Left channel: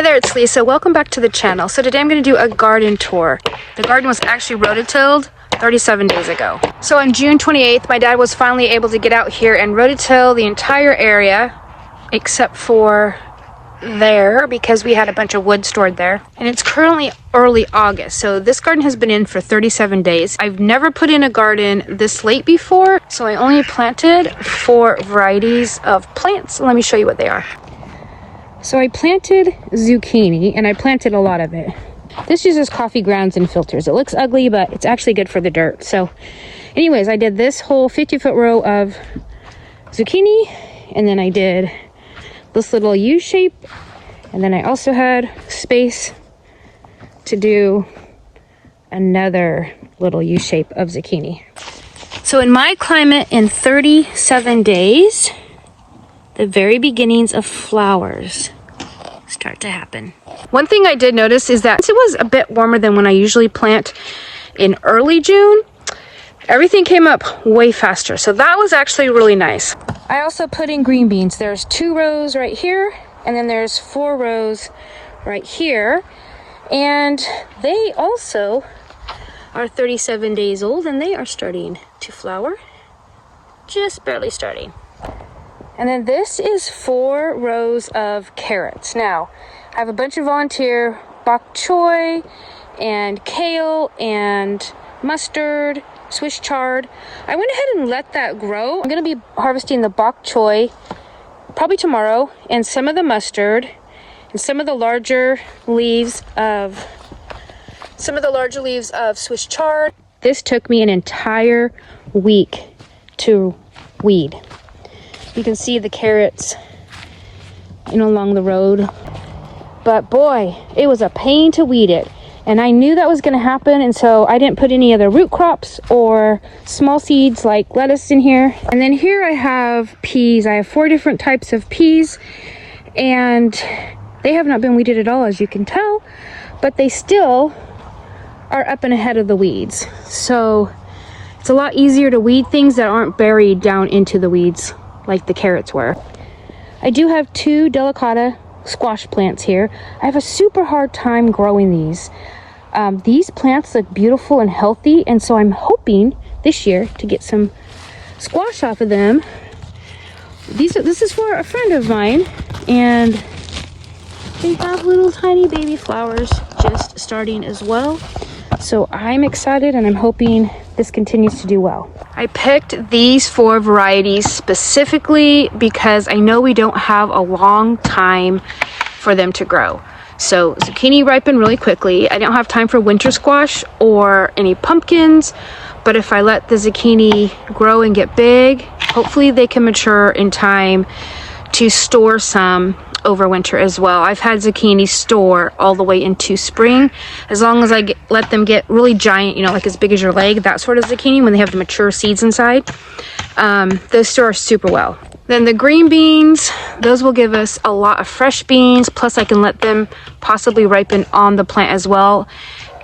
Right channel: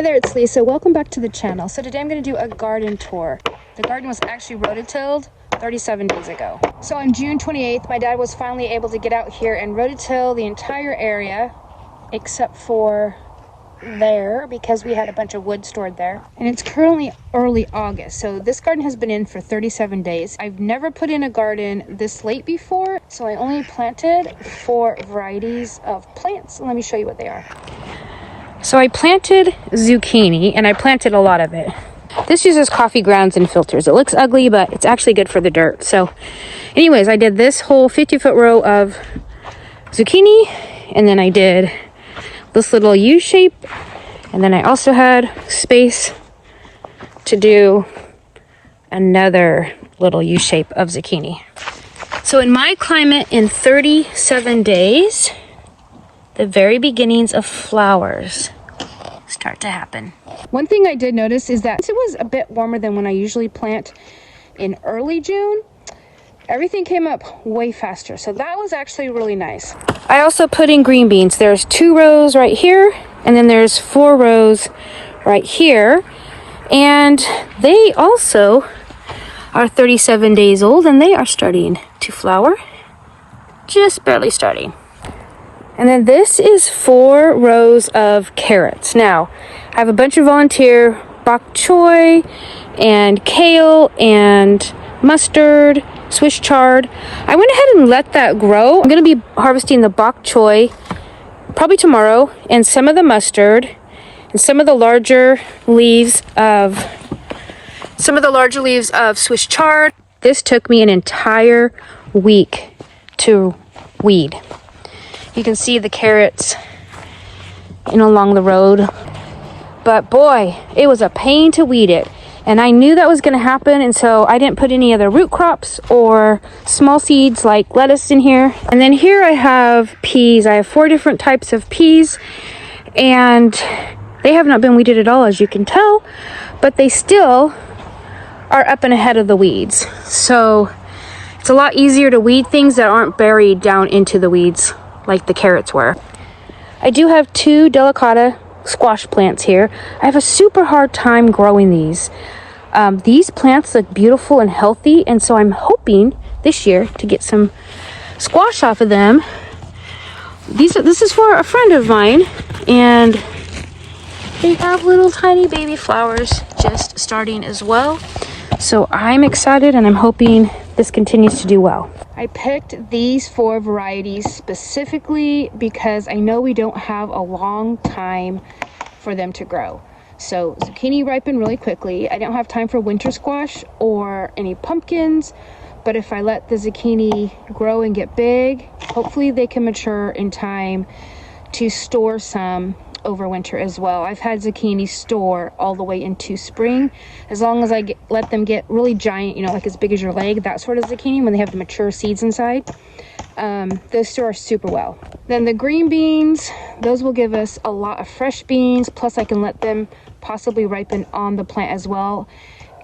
Hey there, it's Lisa. Welcome back to the channel. So today I'm going to do a garden tour. The garden was actually rototilled 37 days ago. So on June 28th, my dad was finally able to get out here and rototill the entire area except for there because we had a bunch of wood stored there. And it's currently early August, so this garden has been in for 37 days. I've never put in a garden this late before, so I only planted 4 varieties of plants. Let me show you what they are. So I planted zucchini, and I planted a lot of it. This uses coffee grounds and filters. It looks ugly, but it's actually good for the dirt. So anyways, I did this whole 50-foot row of zucchini, and then I did this little U shape, and then I also had space to do another little U shape of zucchini. So in my climate, in 37 days, the very beginnings of flowers start to happen. One thing I did notice is that it was a bit warmer than when I usually plant in early June. Everything came up way faster, so that was actually really nice. I also put in green beans. There's 2 rows right here, and then there's 4 rows right here, and they also are 37 days old, and they are starting to flower, just barely starting. And then this is 4 rows of carrots. Now, I have a bunch of volunteer bok choy and kale and mustard, Swiss chard. I went ahead and let that grow. I'm gonna be harvesting the bok choy probably tomorrow, and some of the mustard, and some of the larger leaves of Swiss chard. This took me an entire week to weed. You can see the carrots along the road, but boy, it was a pain to weed it. And I knew that was going to happen, and so I didn't put any other root crops or small seeds like lettuce in here. And then here I have peas. I have 4 different types of peas, and they have not been weeded at all, as you can tell, but they still are up and ahead of the weeds. So it's a lot easier to weed things that aren't buried down into the weeds like the carrots were. I do have 2 delicata squash plants here. I have a super hard time growing these. These plants look beautiful and healthy, and so I'm hoping this year to get some squash off of them. This is for a friend of mine, and they have little tiny baby flowers just starting as well. So I'm excited, and I'm hoping this continues to do well. I picked these 4 varieties specifically because I know we don't have a long time for them to grow. So zucchini ripen really quickly. I don't have time for winter squash or any pumpkins, but if I let the zucchini grow and get big, hopefully they can mature in time to store some over winter as well. I've had zucchini store all the way into spring, as long as I let them get really giant, like as big as your leg, that sort of zucchini, when they have the mature seeds inside. Those store super well. Then the green beans, those will give us a lot of fresh beans, plus I can let them possibly ripen on the plant as well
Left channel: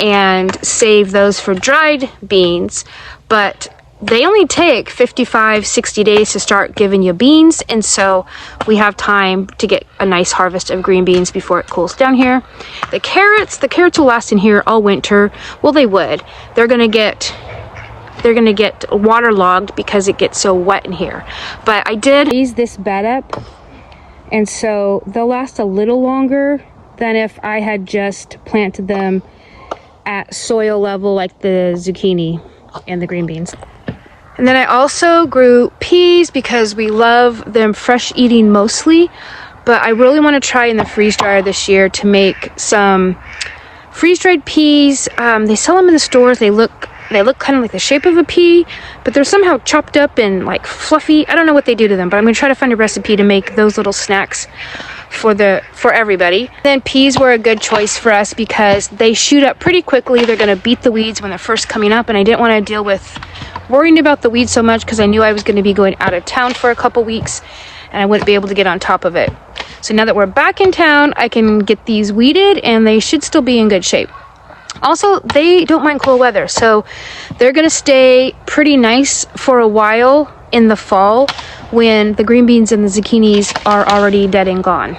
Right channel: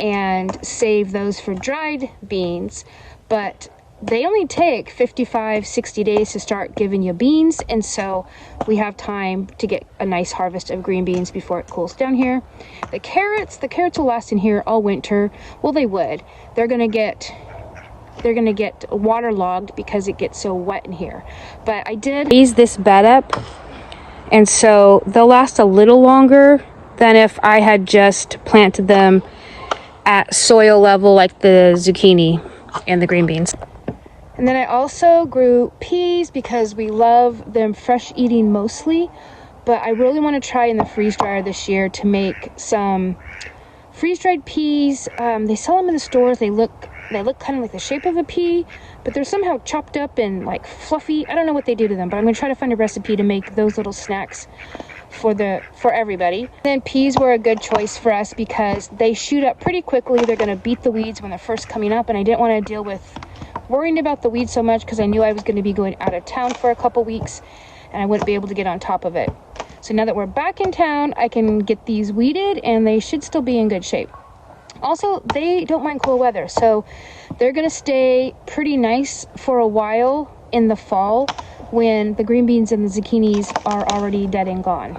and save those for dried beans. But they only take 55-60 days to start giving you beans, and so we have time to get a nice harvest of green beans before it cools down here. The carrots will last in here all winter. Well, they would. They're gonna get waterlogged because it gets so wet in here. But I did ease this bed up, and so they'll last a little longer than if I had just planted them at soil level like the zucchini and the green beans. And then I also grew peas because we love them fresh eating mostly, but I really want to try in the freeze dryer this year to make some freeze dried peas. They sell them in the stores. They look kind of like the shape of a pea, but they're somehow chopped up and like fluffy. I don't know what they do to them, but I'm gonna try to find a recipe to make those little snacks for everybody. Then peas were a good choice for us because they shoot up pretty quickly. They're gonna beat the weeds when they're first coming up, and I didn't want to deal with worrying about the weeds so much because I knew I was going to be going out of town for a couple weeks and I wouldn't be able to get on top of it. So now that we're back in town, I can get these weeded, and they should still be in good shape. Also, they don't mind cool weather, so they're gonna stay pretty nice for a while in the fall when the green beans and the zucchinis are already dead and gone.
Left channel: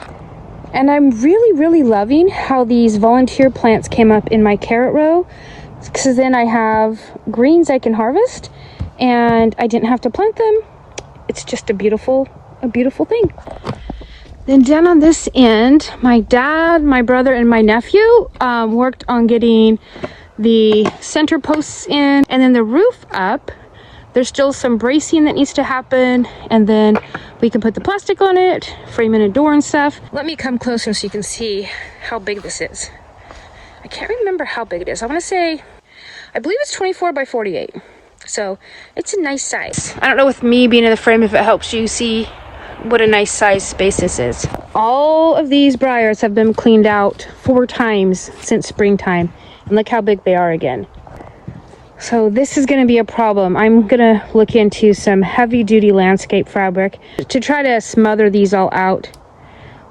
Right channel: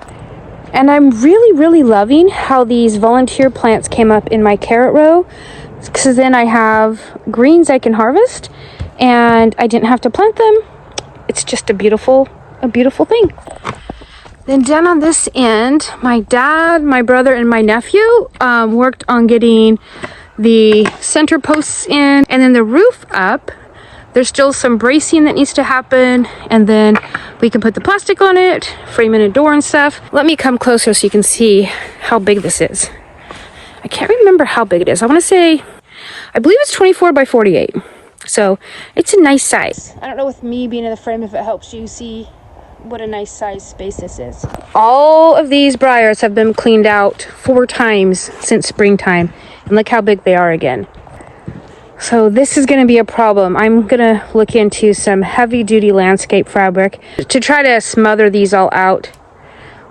And I'm really loving how these volunteer plants came up in my carrot row, because then I have greens I can harvest and I didn't have to plant them. It's just a beautiful thing. Then down on this end, my dad, my brother, and my nephew worked on getting the center posts in, and then the roof up. There's still some bracing that needs to happen, and then we can put the plastic on it, frame in a door and stuff. Let me come closer so you can see how big this is. I can't remember how big it is. I want to say, I believe it's 24 by 48. So it's a nice size. I don't know with me being in the frame if it helps you see what a nice size space this is. All of these briars have been cleaned out 4 times since springtime, and look how big they are again. So this is going to be a problem. I'm going to look into some heavy duty landscape fabric to try to smother these all out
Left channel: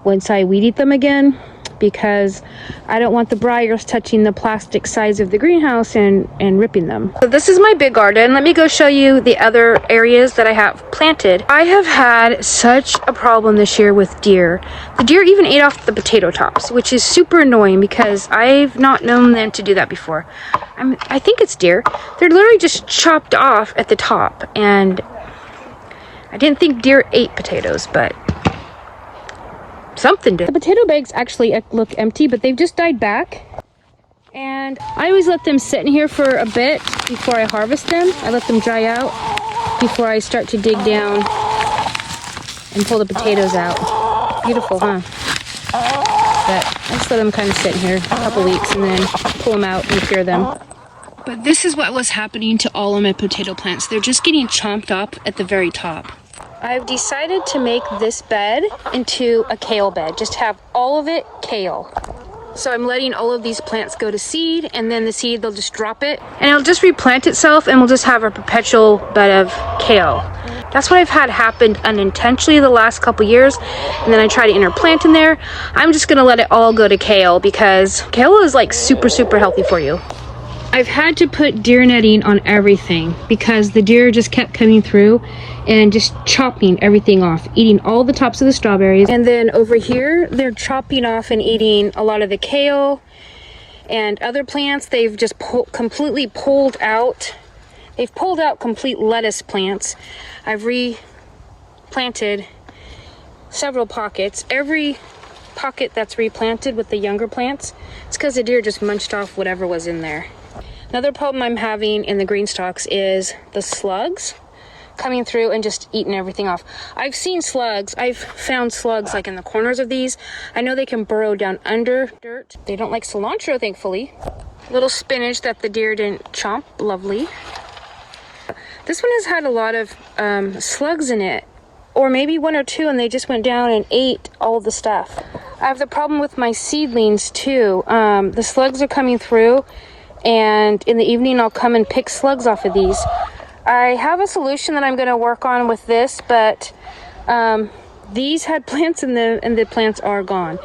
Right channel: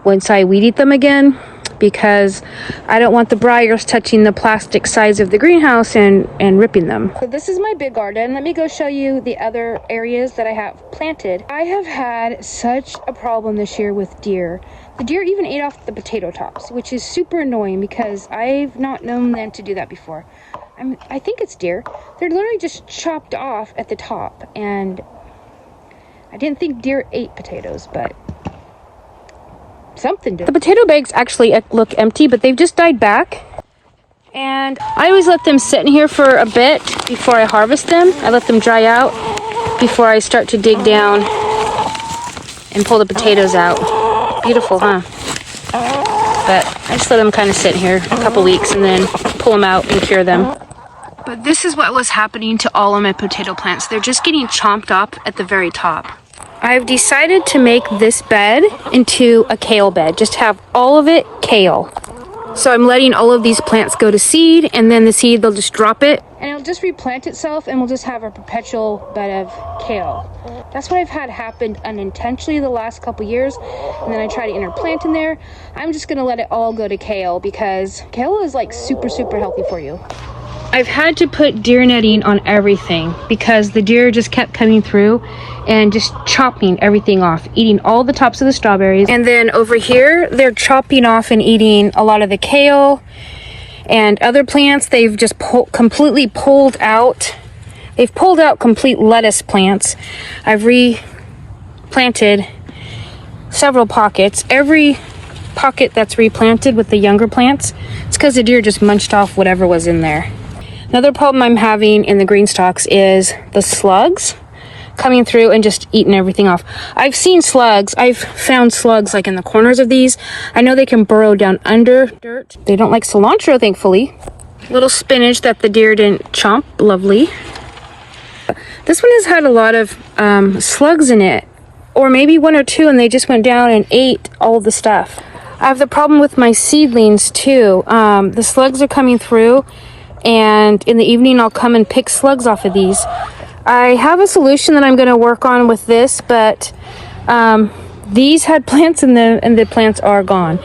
once I weed eat them again, because I don't want the briars touching the plastic sides of the greenhouse and ripping them. So this is my big garden. Let me go show you the other areas that I have planted. I have had such a problem this year with deer. The deer even ate off the potato tops, which is super annoying because I've not known them to do that before. I think it's deer. They're literally just chopped off at the top, and I didn't think deer ate potatoes, but something did. The potato bags actually look empty, but they've just died back. And I always let them sit in here for a bit before I harvest them. I let them dry out before I start to dig down and pull the potatoes out. Beautiful, huh? But I just let them kind of sit in here a couple weeks and then pull them out and cure them. But this is what was happening to all of my potato plants. They're just getting chomped up at the very top. I've decided to make this bed into a kale bed. Just have all of it kale. So I'm letting all of these plants go to seed, and then the seed, they'll just drop it and it'll just replant itself, and we'll just have a perpetual bed of kale. That's what I've had happen unintentionally the last couple years, and then I try to interplant in there. I'm just gonna let it all go to kale because kale is like super healthy for you. I've had to put deer netting on everything because the deer just kept coming through and just chopping everything off, eating all the tops of the strawberries. And then over here, they're chopping off and eating a lot of the kale and other plants. They've just completely pulled out. They've pulled out complete lettuce plants. I've replanted several pockets. Every pocket that's replanted with the younger plants, it's because the deer just munched off whatever was in there. Another problem I'm having in the green stalks is the slugs coming through and just eating everything off. I've seen slugs. I've found slugs like in the corners of these. I know they can burrow down under dirt. They don't like cilantro, thankfully. Little spinach that the deer didn't chomp. Lovely. This one has had a lot of slugs in it, or maybe 1 or 2, and they just went down and ate all the stuff. I have the problem with my seedlings too. The slugs are coming through, and in the evening I'll come and pick slugs off of these. I have a solution that I'm going to work on with this, but these had plants in them and the plants are gone.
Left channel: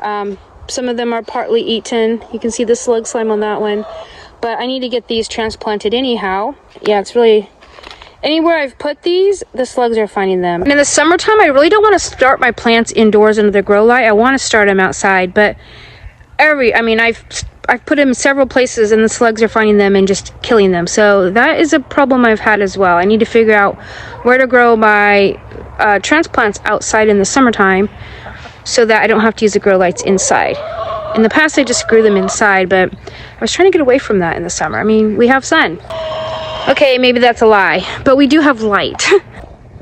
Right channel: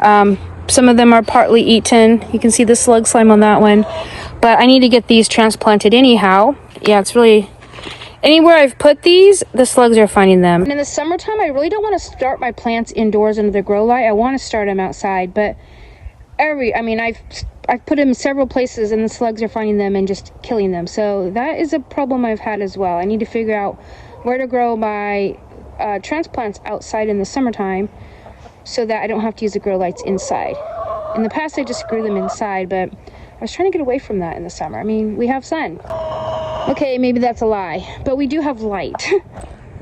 Some of them are partly eaten. You can see the slug slime on that one, but I need to get these transplanted anyhow. Yeah, it's really, anywhere I've put these, the slugs are finding them. And in the summertime, I really don't want to start my plants indoors under the grow light. I want to start them outside, but I've put them in several places and the slugs are finding them and just killing them. So that is a problem I've had as well. I need to figure out where to grow my transplants outside in the summertime so that I don't have to use the grow lights inside. In the past, I just grew them inside, but I was trying to get away from that in the summer. I mean, we have sun. Okay, maybe that's a lie, but we do have light.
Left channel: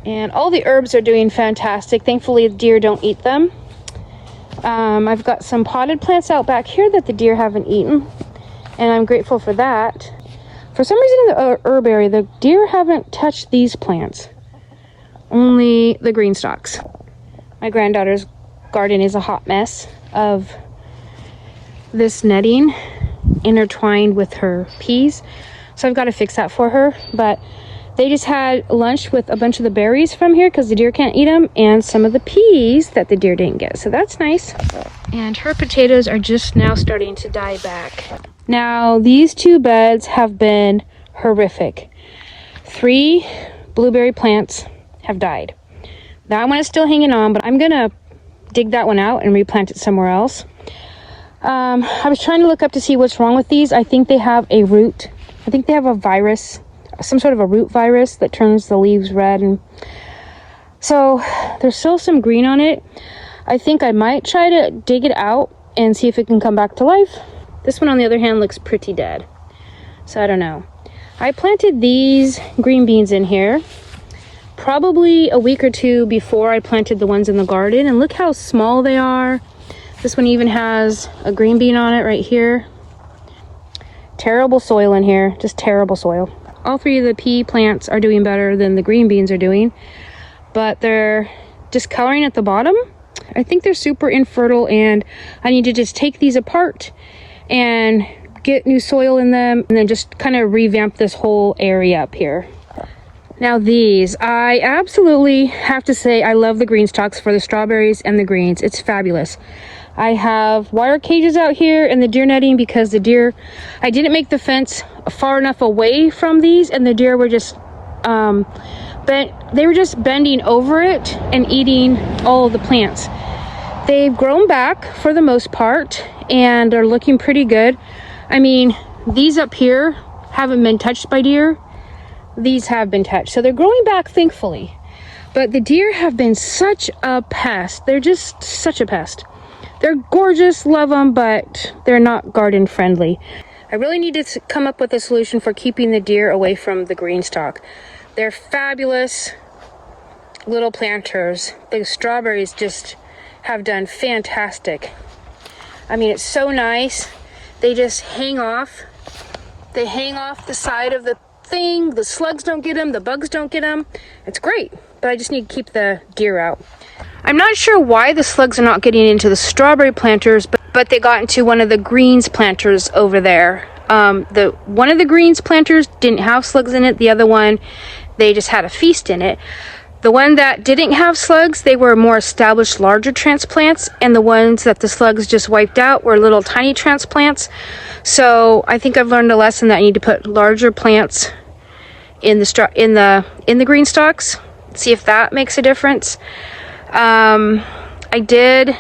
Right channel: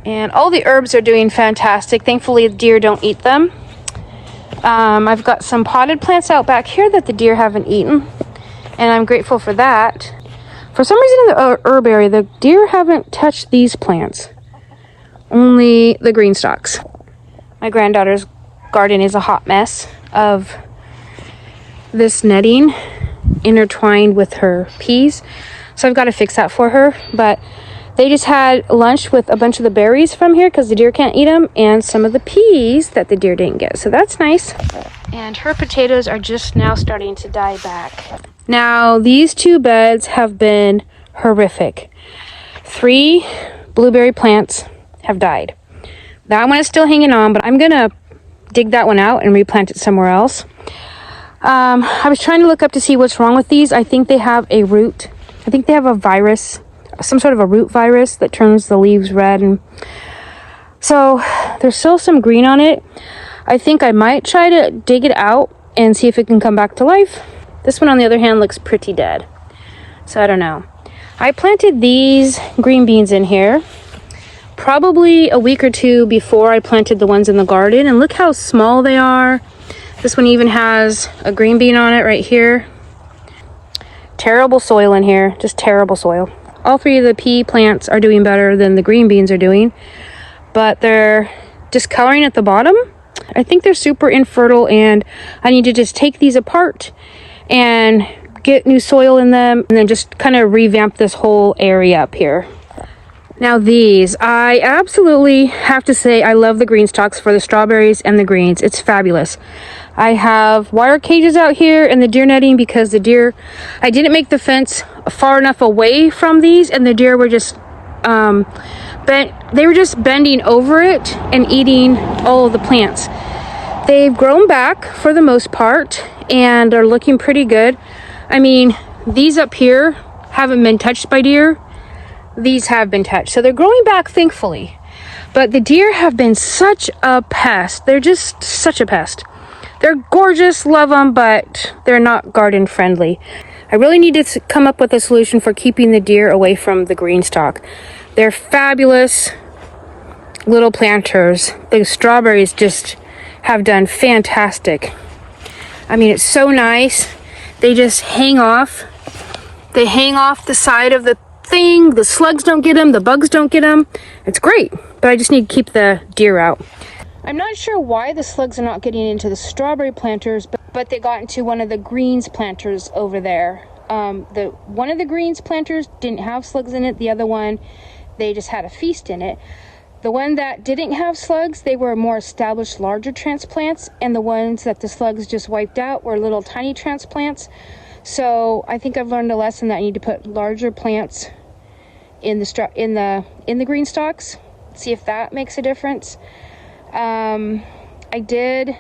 And all the herbs are doing fantastic. Thankfully, the deer don't eat them. I've got some potted plants out back here that the deer haven't eaten, and I'm grateful for that. For some reason in the herb area, the deer haven't touched these plants, only the green stalks. My granddaughter's garden is a hot mess of this netting intertwined with her peas, so I've got to fix that for her. But they just had lunch with a bunch of the berries from here because the deer can't eat them, and some of the peas that the deer didn't get. So that's nice. And her potatoes are just now starting to die back. Now, these 2 beds have been horrific. 3 blueberry plants have died. That one is still hanging on, but I'm going to dig that one out and replant it somewhere else. I was trying to look up to see what's wrong with these. I think they have a root. I think they have a virus, some sort of a root virus that turns the leaves red. And so there's still some green on it. I think I might try to dig it out and see if it can come back to life. This one, on the other hand, looks pretty dead. So I don't know. I planted these green beans in here probably a week or two before I planted the ones in the garden. And look how small they are. This one even has a green bean on it right here. Terrible soil in here, just terrible soil. All three of the pea plants are doing better than the green beans are doing, but they're discoloring at the bottom. I think they're super infertile, and I need to just take these apart and get new soil in them and then just kind of revamp this whole area up here. Now these, I absolutely have to say I love the green stalks for the strawberries and the greens. It's fabulous. I have wire cages out here and the deer netting because the deer, I didn't make the fence far enough away from these, and the deer were just they were just bending over it and eating all of the plants. They've grown back for the most part and are looking pretty good. I mean, these up here haven't been touched by deer. These have been touched, so they're growing back, thankfully. But the deer have been such a pest. They're just such a pest. They're gorgeous, love them, but they're not garden friendly. I really need to come up with a solution for keeping the deer away from the green stalk. They're fabulous little planters. The strawberries just have done fantastic. I mean, it's so nice. They just hang off. They hang off the side of the thing. The slugs don't get them. The bugs don't get them. It's great, but I just need to keep the deer out. I'm not sure why the slugs are not getting into the strawberry planters, but they got into one of the greens planters over there. One of the greens planters didn't have slugs in it. The other one, they just had a feast in it. The one that didn't have slugs, they were more established, larger transplants, and the ones that the slugs just wiped out were little tiny transplants. So I think I've learned a lesson that I need to put larger plants in the green stalks. See if that makes a difference. I did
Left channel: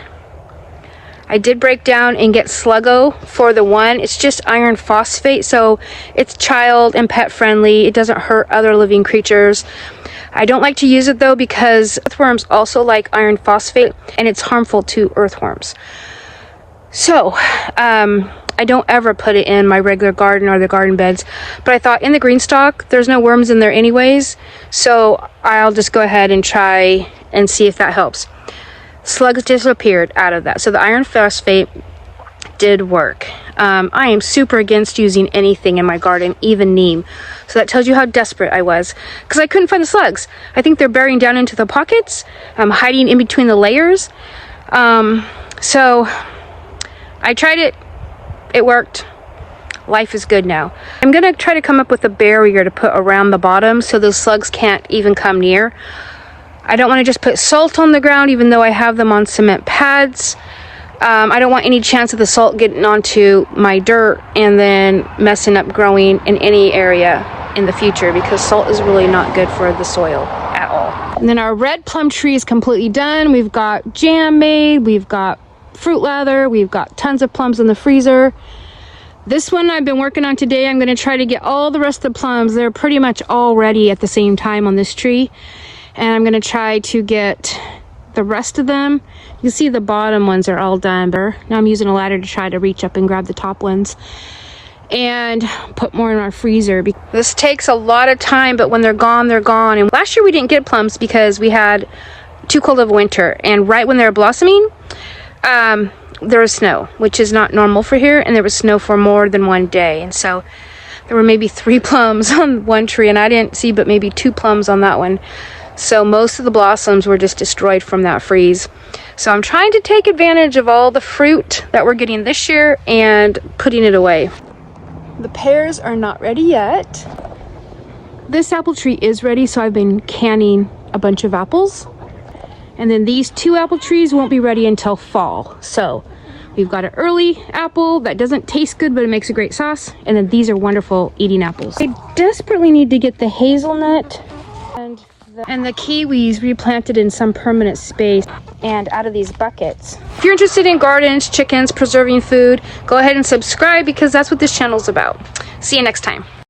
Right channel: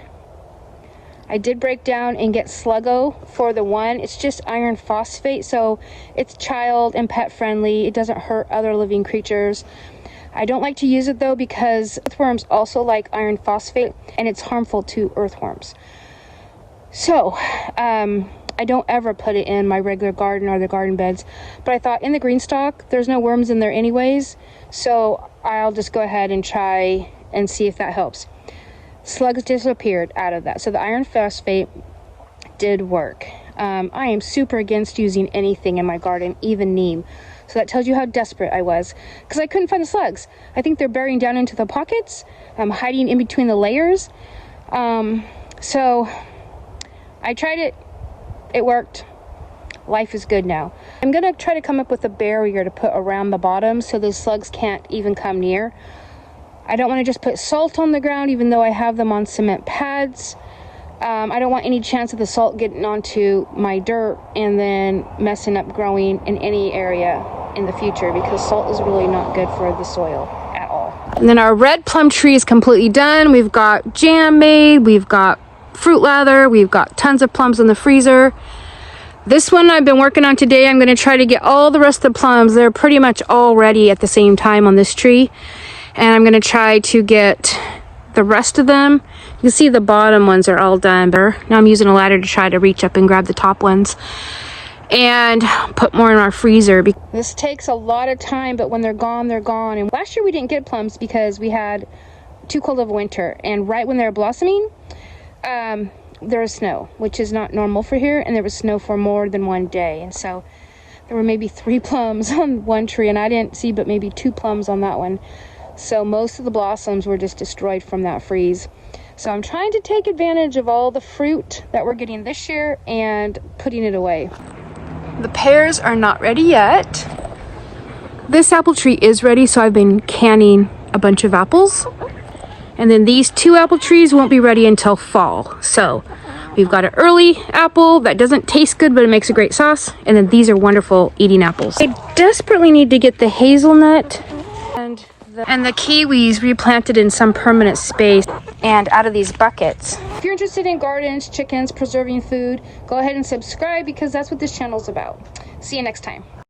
break down and get Sluggo for the one. It's just iron phosphate, so it's child and pet friendly. It doesn't hurt other living creatures. I don't like to use it though because earthworms also like iron phosphate and it's harmful to earthworms. So, I don't ever put it in my regular garden or the garden beds, but I thought in the green stalk, there's no worms in there anyways, so I'll just go ahead and try and see if that helps. Slugs disappeared out of that, so the iron phosphate did work. I am super against using anything in my garden, even neem. So that tells you how desperate I was, because I couldn't find the slugs. I think they're burying down into the pockets, hiding in between the layers. So I tried it. It worked. Life is good now. I'm gonna try to come up with a barrier to put around the bottom so those slugs can't even come near. I don't want to just put salt on the ground, even though I have them on cement pads. I don't want any chance of the salt getting onto my dirt and then messing up growing in any area in the future, because salt is really not good for the soil at all. And then our red plum tree is completely done. We've got jam made, we've got fruit lather, we've got tons of plums in the freezer. This one I've been working on today. I'm going to try to get all the rest of the plums. They're pretty much all ready at the same time on this tree. And I'm going to try to get the rest of them. You can see the bottom ones are all done. Now I'm using a ladder to try to reach up and grab the top ones and put more in our freezer. This takes a lot of time, but when they're gone, they're gone. And last year we didn't get plums because we had too cold of a winter. And right when they were blossoming, there was snow, which is not normal for here. And there was snow for more than one day. And so there were maybe 3 plums on one tree, and I didn't see but maybe 2 plums on that one. So most of the blossoms were just destroyed from that freeze. So I'm trying to take advantage of all the fruit that we're getting this year and putting it away. The pears are not ready yet. This apple tree is ready, so I've been canning a bunch of apples. And then these 2 apple trees won't be ready until fall. So we've got an early apple that doesn't taste good, but it makes a great sauce. And then these are wonderful eating apples. I desperately need to get the hazelnut and And the kiwis replanted in some permanent space and out of these buckets. If you're interested in gardens, chickens, preserving food, go ahead and subscribe because that's what this channel is about. See you next time.